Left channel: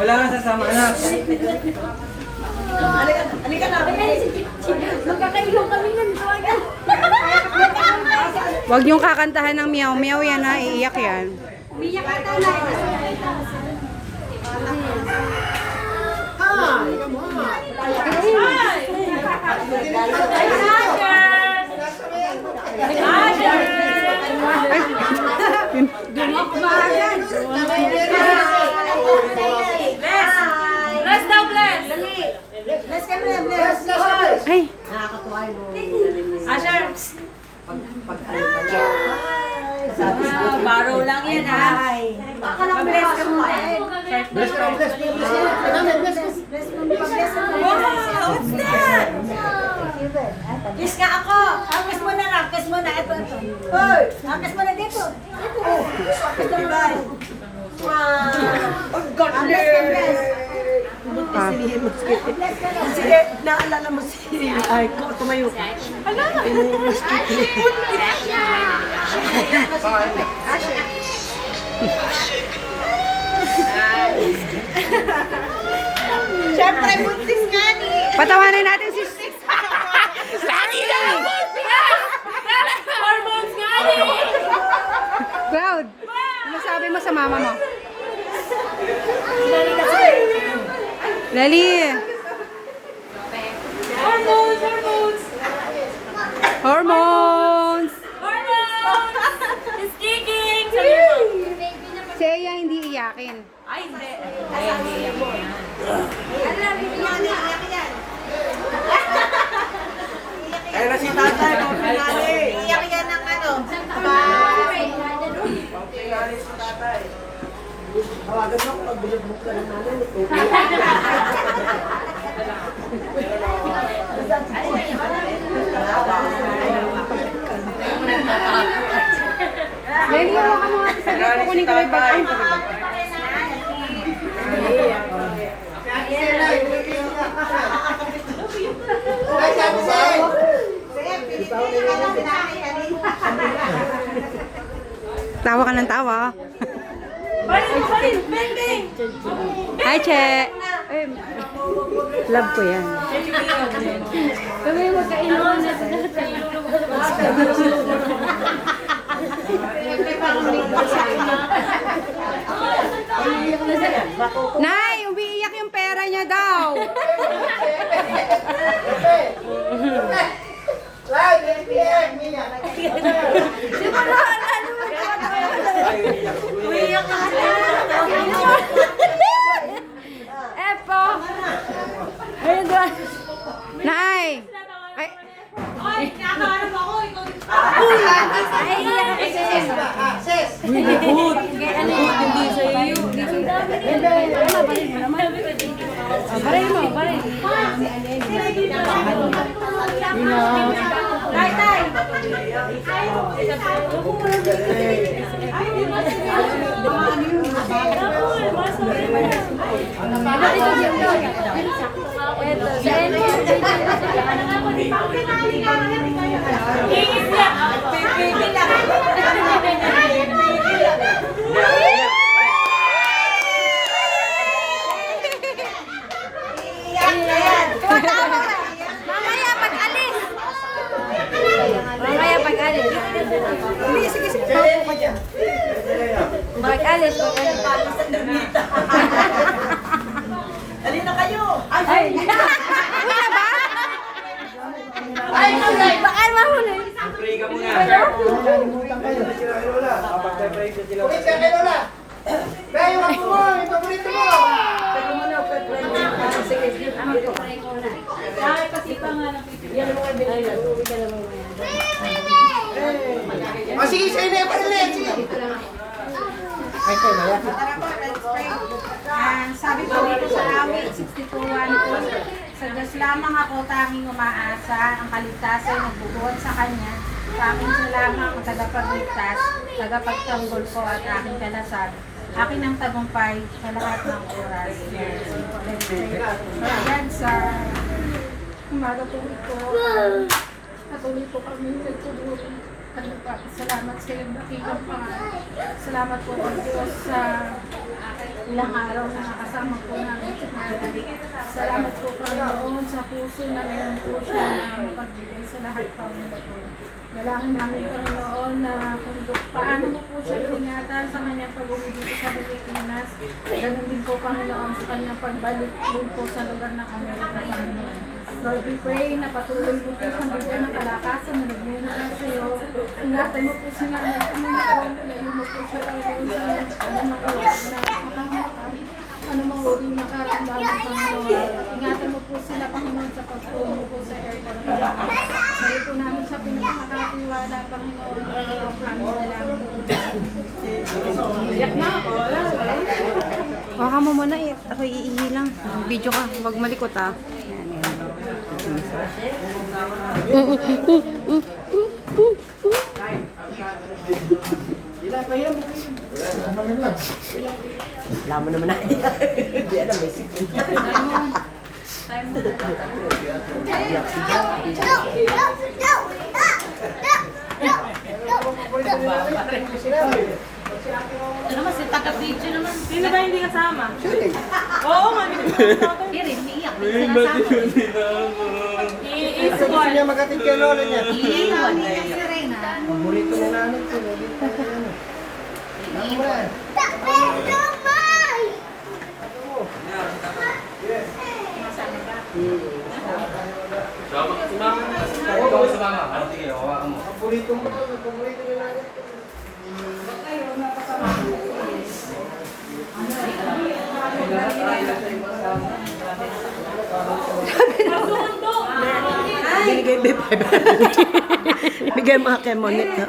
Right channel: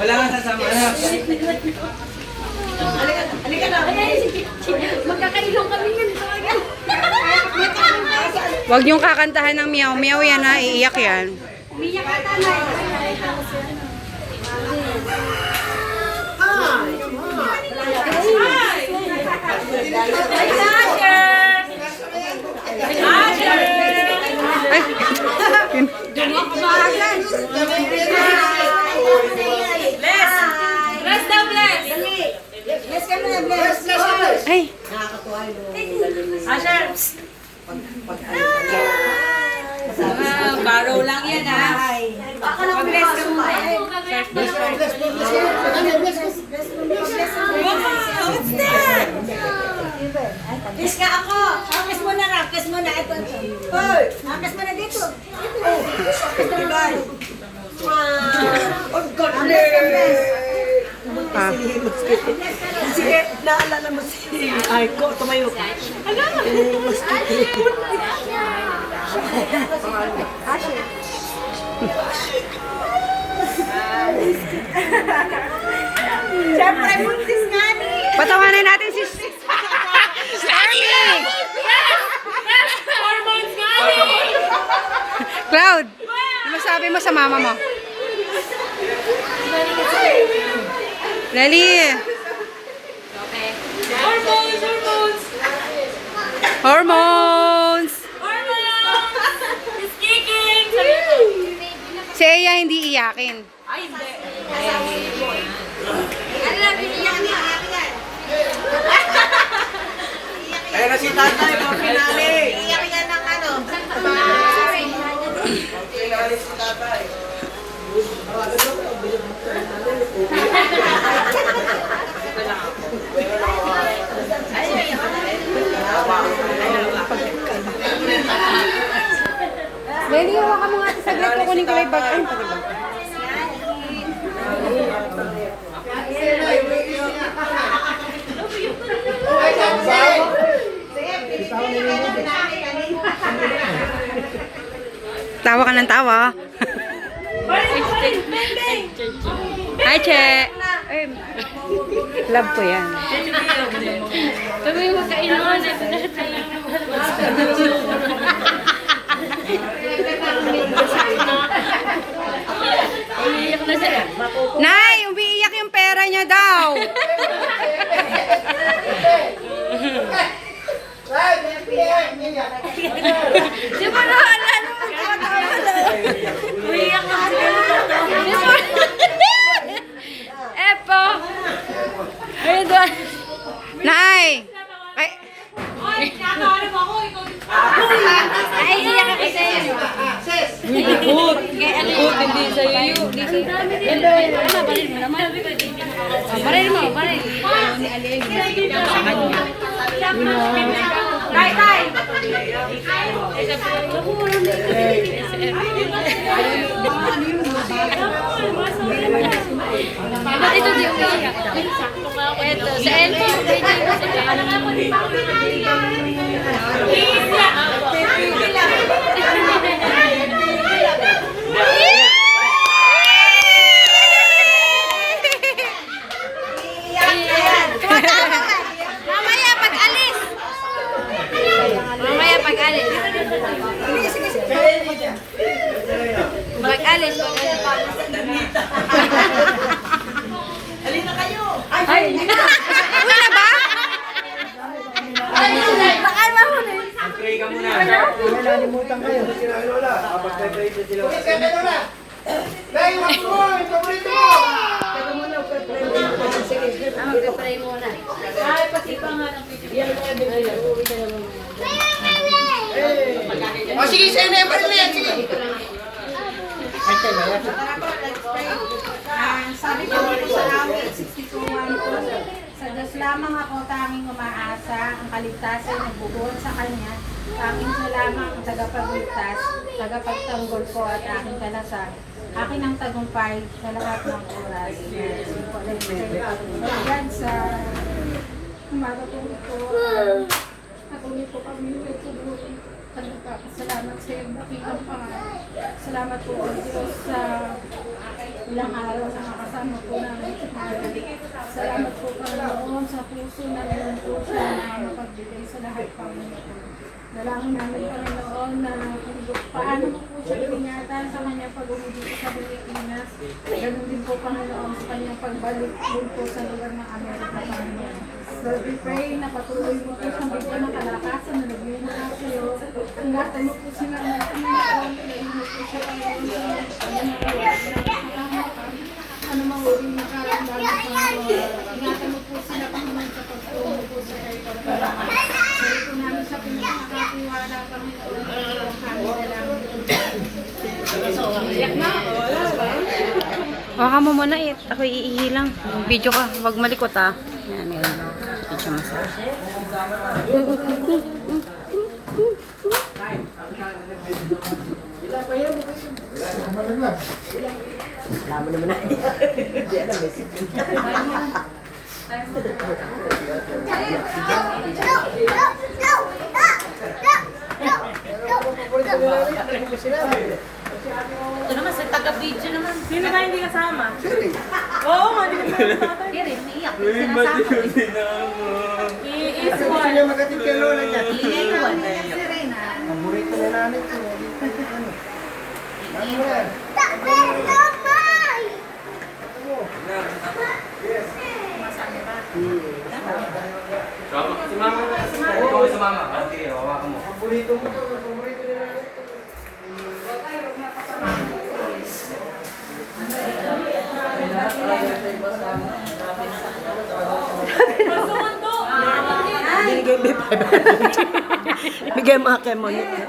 Wala kang sasama na. Halika na. Magkakailong kami nun. Huwag niyong kakantahan ng meow meow yan ha, iiyak yan. Umiyak ka tanay. Ay! Bless daw, bless. Bless ka na, bless. Ay! Nakakatuwa mo. Asher. Baro lang yan, ha? Baka nang bless ka mo. Bless ka mo, bless. What's that? Kiss ka ako. Kiss mo na lang. Kiss mo na. Ito. Hoy! Kiss mo na dito. Oh, God bless. Ah. Sige, naalala mo si Aiko. Tumayo ka. Alala mo. Siyempre, buntis nga ni. Patawanan natin si Army! Hormones nga ni. Cloud! Ano sabi mo sa mama mo? Lali! Hormones, hormones. Hormones! Hormones. It's kicking. Si Eya hindi iyakin. Ay, hindi. Ayun na si tatay, pang pinali. Iyak yan ng ano. Pinali si tatay. Lali, hawakan mo nga sa saglit. Kukunin ko lang yung bag. Ay, tawa ka ng tawa. Hi, Che. Ay, love ko yan. Kami magkainuan eh. Iyak na siya. Nay, umiiyak yung pera niya daw. Si Marahala naman. Umiyak na siya. Epo. Ayun doon. Nay. Ay, Ay, nakaharap ako. Ay, iyak ka kasi. Likod, hindi sa iyo. Baril mo, baril. Tay, tay. Ba't ito di umiyak? Ito, sa elmo. Mamaya pag-alis. Mamaya pag-alis. Pag-alis. Alin na kayo? Ay! uwi na ba? Ay! Bakal mo na. Pray ka muna. Nalimutan kayo. Sila Lola. Kapag pray si sila. Ulit ka kay Lola. Dahil yung ako mo, yung paborito mo. Pero muna, pag-pray muna. Sige, mag-pray muna. Ay, pati pa nga lang. Yan mo na. Ay, uuwi ka na muna. O sige, sa'yo na yung parin na yan. Sige. Sabi ko dito sa awit 62:1 sa Diyos lamang ako tanging umaasa, ang kaligtasan ay nagbubuhat sa Kanya. Sa akin siya lamang ang tagapagligtas, tagapagtanggol ko at aking kanasal. Akin ang tagumpay sa lahat ng oras. Ayan sa umaga po ito. Patuloy po kami nagtulungan. sa lupa. Salamat sa iyong dakikang pangalan. Salamat po ang Diyos sa ilang araw na nakasama po namin. Salamat po Panginoon sa puso na meron po siya na mapagbigay sa lahat Panginoon. Dalangin namin Panginoon na kung paano mo po siya ingatan sa kanyang pag-uwi dito sa Pilipinas. Ganun din po Panginoon sa kanyang pagbalik din po sa lugar ng Amerika Panginoon. Lord, we pray na patuloy mo po siyang bigyan ng kalakasan na nagmuna na sa iyo. Ingatan mo po sila ng Panginoon. Ilayin mo po siya Panginoon sa anumang uri na karamdaman Panginoon. Ingatan mo po sila Panginoon sa pagtulong po sa airport. Dahil po namin sa pinakakatiwala Panginoon. Baka mo muna eh. Ako iihi lang. Video ka. Huwag malikot ah. Yan, yan. Naman naman na. Hindi alam eh. Ito naman, si taga-video naman. Sino ba hindi kasama? Oo, nga, hindi kasama. Hindi, umiiyak. Sinasama. Gusto niya magatid kay lola niya. Ang burrito ni nanay ko. Naging tayo ano. Ano mo yan? Paborito mo. Paborito ni nanay ko. Binigay mo 500. Ibigay mo akin mo nito.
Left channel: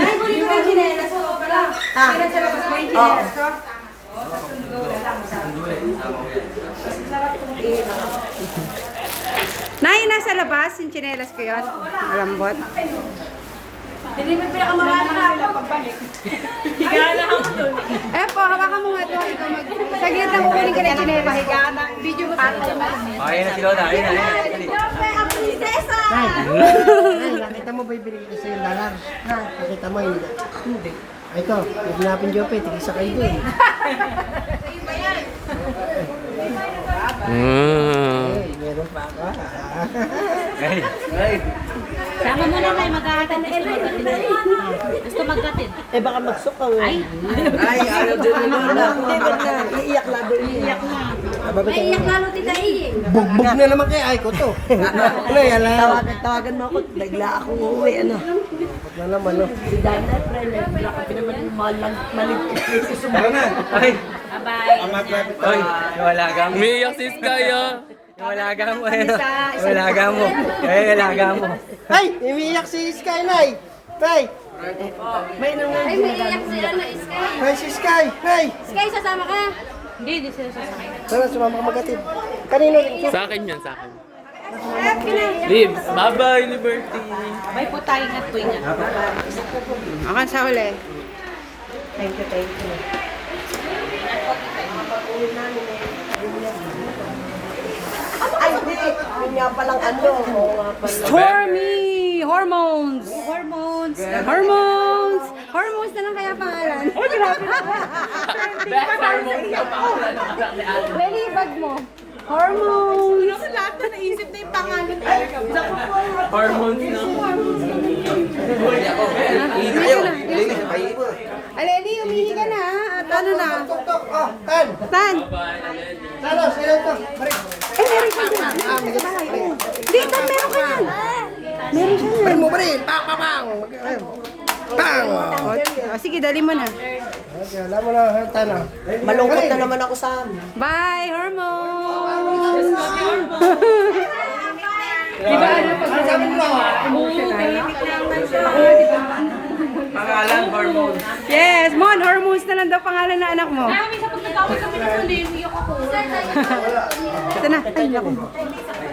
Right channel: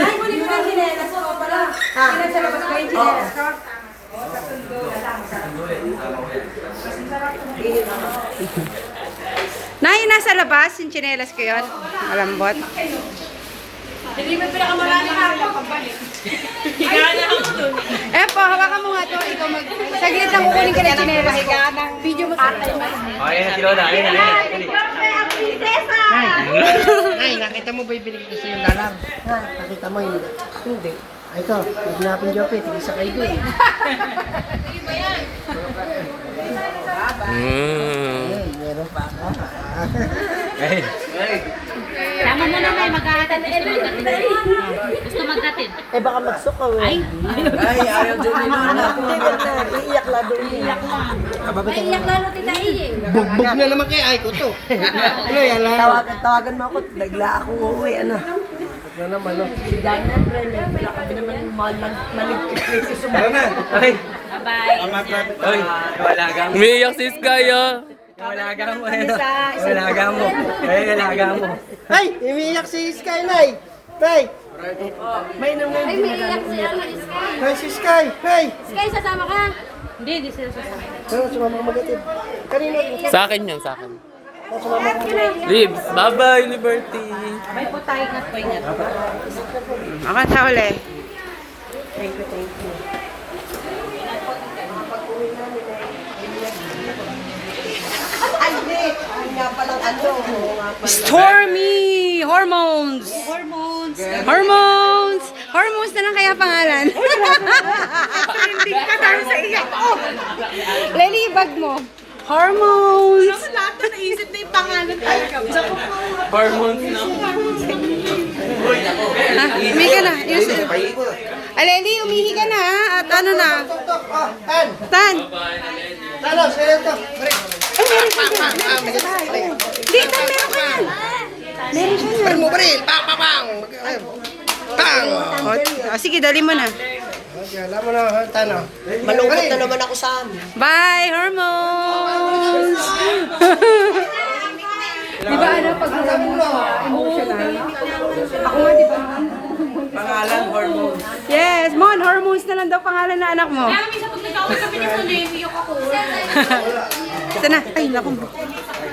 Ay, muli ko ng chinelas ko pala. Kailan sa labas ba yung chinelas ko? Nay, nasa labas yung tsinelas ko yun. Malambot. Hindi mo pinakamarami ka ako. Eh po, hawakan mo nga ito. Ikaw mag... Saglit lang kukunin ka ng tsinelas. Video mo sa akin. Ay, nakita mo ba yung binigay ko sa yung dalar? Ha? Nakita mo yung... Hindi. Ay, ito. Pagkinapin Jope. Tigisa kayo din. Ay, meron pa ka. Sama mo na na, mag-aatan. Gusto magkatid. Eh baka magsukaw eh. Ay, ayaw din nila. Iiyak lang doon. Iiyak lang. Iyak lalo tita Iye. Bugbog na naman kay Ay ko to. Ano yan lang? Tawagan mo ako. Nagla akong uuwi. Ano? Bugbog na naman. No? Si Daniel, nagla kami naman maligpit. Tara na. Okay. Bye-bye. Oy, malaga mo. Umiiyak si Sky, ah. Malaga mo, eh. Malaga mo. Eh, malaga mo. Ay, umiiyak si Sky, Nay. Nay. May nang Ay, may iyak sila na Sky. Nay, si Sky. Nay. Sky, sasama ka. Hindi sila sasama. Tara, sumama ka magatid. Kanino? Sa akin yan, sa akin. Sumama ka. Ribs, bye-bye, Liberty. Bye po tayo nga po ingat. Ako sa huli. Thank you, thank you. Ay, hindi. Ay, nga palang ano. Stormy Hormones. Hormones. Hormones. Hormones na lang kaya pangalan. Hindi ka dahil sa iyak ko. Lalibag mo. Hormones. Lahat na naisip na yung pangalan talaga. Hormones na. Umihi ka na. Aleli, umihi ka na ha. At ano na. Tok, oh, Tan. Tan. Talo, sa'yo to. Ay, meron ka dyan. Hindi, Tan, meron ka yan. Meron siya yan. Mo baril. Bang, bang, bang. Bang. O, sige, dali mo na. Okay, alam mo na, Tan. Malungkot na naman ako sa amin. Bye, hormones! Di ba, ano, pag emotional? Ako nga, di ba? Pangalan, hormones. Yes, Mon, hormones na lang daw pangalan na anak mo. Kami sa pag nag-away kami ng Sunday, ako. Ito na. Ay, naku.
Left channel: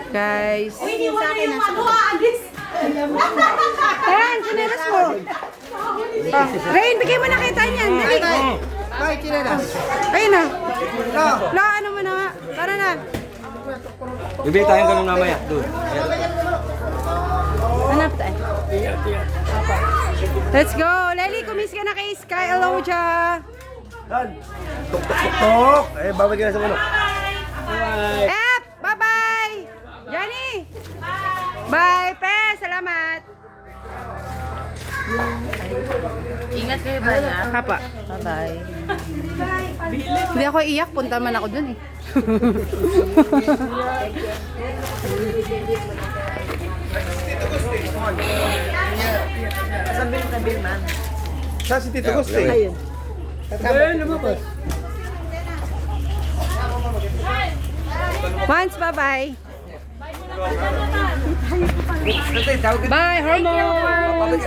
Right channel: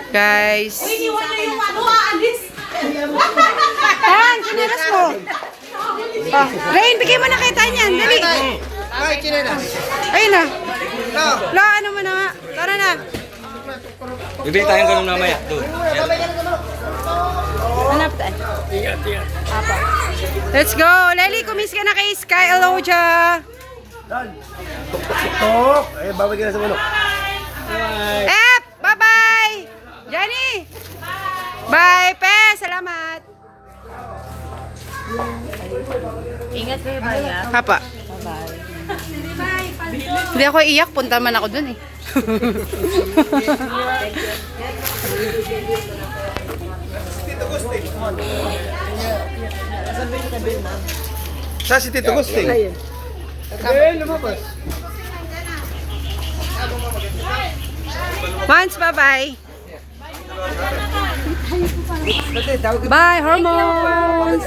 Guys. Iniwan niyo yung ano, aalis. Tan, sineras mo. Oh, Rain, bigay mo na kay Tanyan. Dali. Ay, chinelas. Ayun na. La, ano mo na nga. Tara na. Bibili tayong ganun mamaya, doon. Babay ka na naman. Hanap tayo. Let's go. Lely, kumis ka na kay Sky. Hello, Ja. Dan. Tuk, tuk, tuk, tuk. Eh, babay ka na sa ulo. Ep, bye-bye. Johnny. Bye, Pe. Salamat. Ingat kayo ba ya? Papa. Bye-bye. Hindi ako iyak. Punta man ako dun eh. Sa si Tito Gusti. Ayun. Ayun, lumabas. Once, bye-bye. Bye, hormones.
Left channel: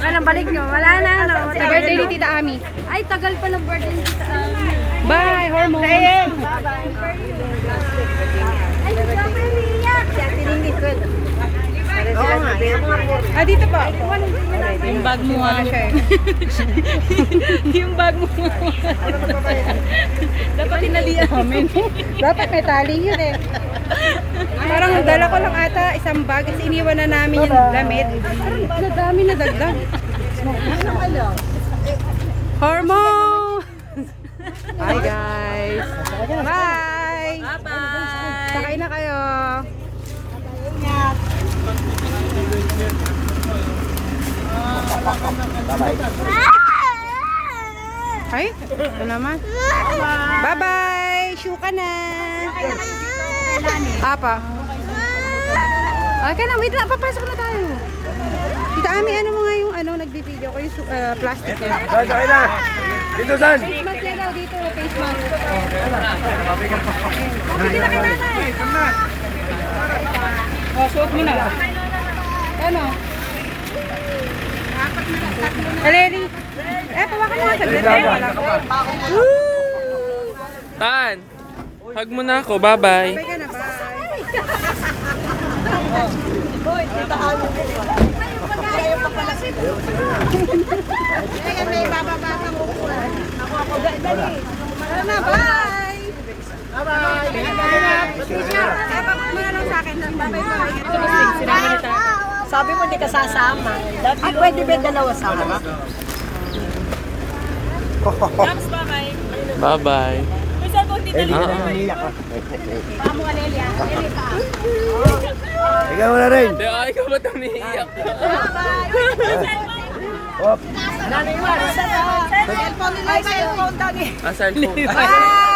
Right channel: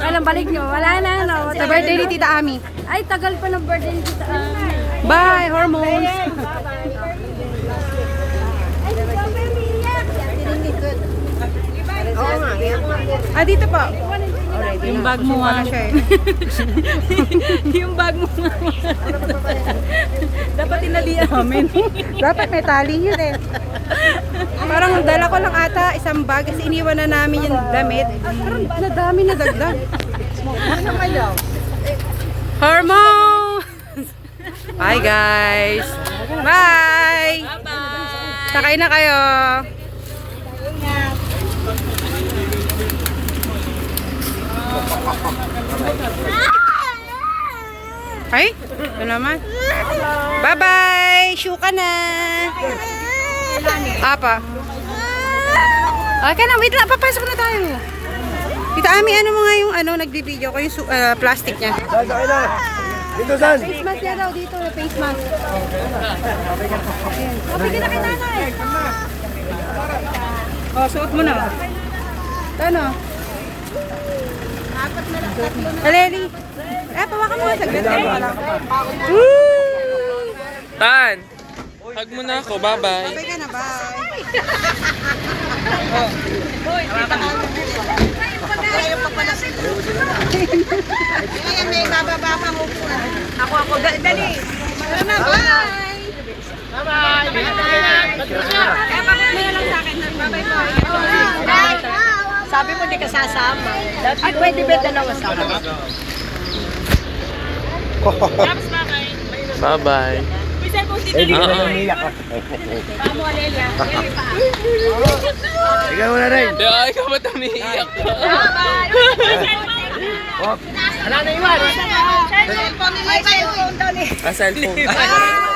Anong balik nyo? Wala na, ano? Sa birthday ni Tita Ami. Ay, tagal pa ng birthday ni Tita Ami. Bye, hormones. Ah, dito po. Yung bag mo nga. Yung bag mo. Dapat tinalian. Dapat may tali yun eh. Parang dala ko lang ata isang bag kasi iniwan na namin yung damit. Parang nadami na dagdag. Hormones! Bye guys! Bye! Bye-bye. Sakay na kayo! Ay, ito naman. Bye-bye! Shoe ka na! Apa? Okay na, wait lang. Papasok na tayo. Tita Ami, ano mo nga yung nag-video ko yung plastic niya? Dan, sakay na. Dito, Dan. Face mask yan daw dito, face mask. Oh, suot mo na. Ano? Aleli. Pawakan mo nga saglit. Woo! Tan! Hug mo na ako, bye-bye. Sige na, bye. May bababa pa mo po. Ako. Dali. Ano, bye. Sabi mo di ka sasama. Ay, pwede ba dalawa sa harap? Bye-bye. Eh, di ka na umiyak ka. Pamo, Alelia. Ikaw mo na rin. Kaya ikaw ba't umiiyak? Oh, Cellphone nila kayo. Cellphone.